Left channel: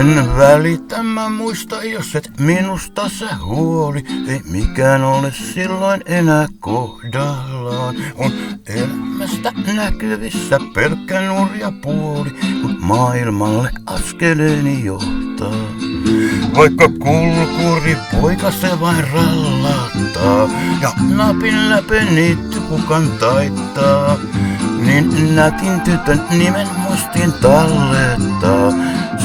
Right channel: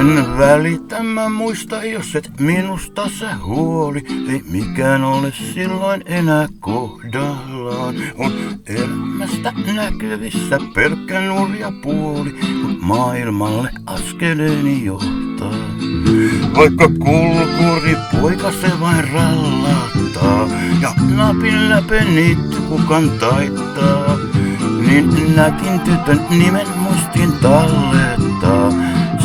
En välitä, mä muista, jos et minusta sä huoli. Ei mikään ole silloin enää kohdallaan. On elämästä näkyvissä pelkkä nurja puoli, kun maailmalle askeleeni johtaa. Vaikka kulkuri poika se vain rallattaa ja napin läpeniitty kukan taittaa, niin nätin tytön nimen muistiin tallettaa,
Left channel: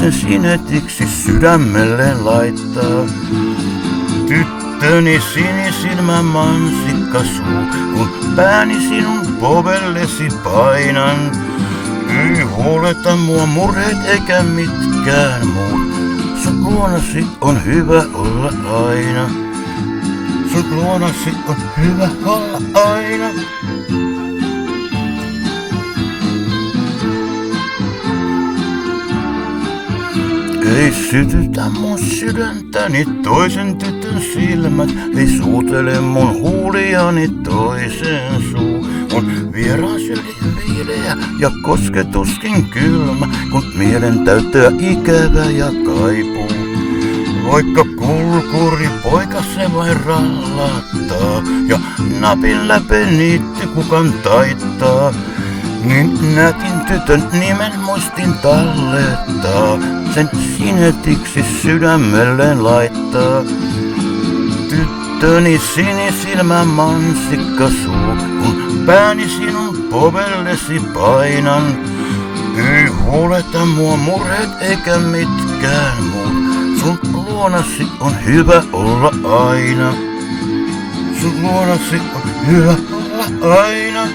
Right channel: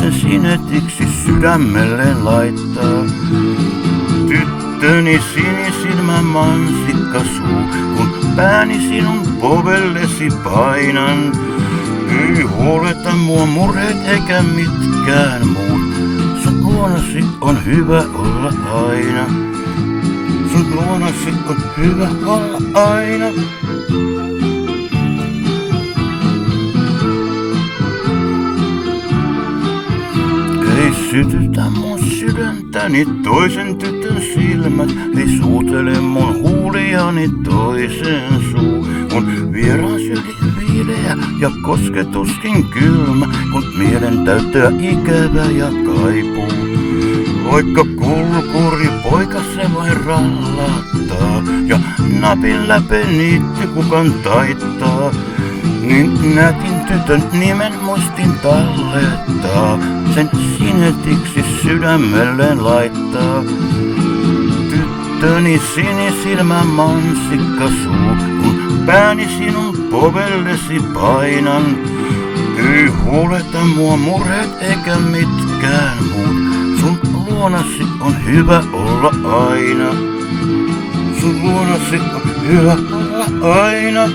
sen sinetiksi sydämelleen laittaa. Tyttöni sinisilmä mansikka suu, kun pääni sinun povellesi painan. Ei huoleta mua murheet eikä mitkään muut, sun luonasi on hyvä olla aina. Sun luonasi on hyvä olla aina. Ei sytytä mun sydäntäni toisen tytön silmät, ei suutele mun huuliani toisen suu. On vieraan syli viileä ja kosketuskin kylmä, kun mielen täyttää ikävä ja kaipuu. Vaikka kulkuri poika se vain rallattaa ja napin läpeniitty kukan taittaa, niin nätin tytön nimen muistin tallettaa, sen sinetiksi sydämelleen laittaa. Tyttöni sinisilmä mansikka suu, kun pääni sinun povellesi painan. Ei huoleta mua murheet eikä mitkään muut, sun luonasi on hyvä olla aina. Sun luonasi on hyvä olla aina.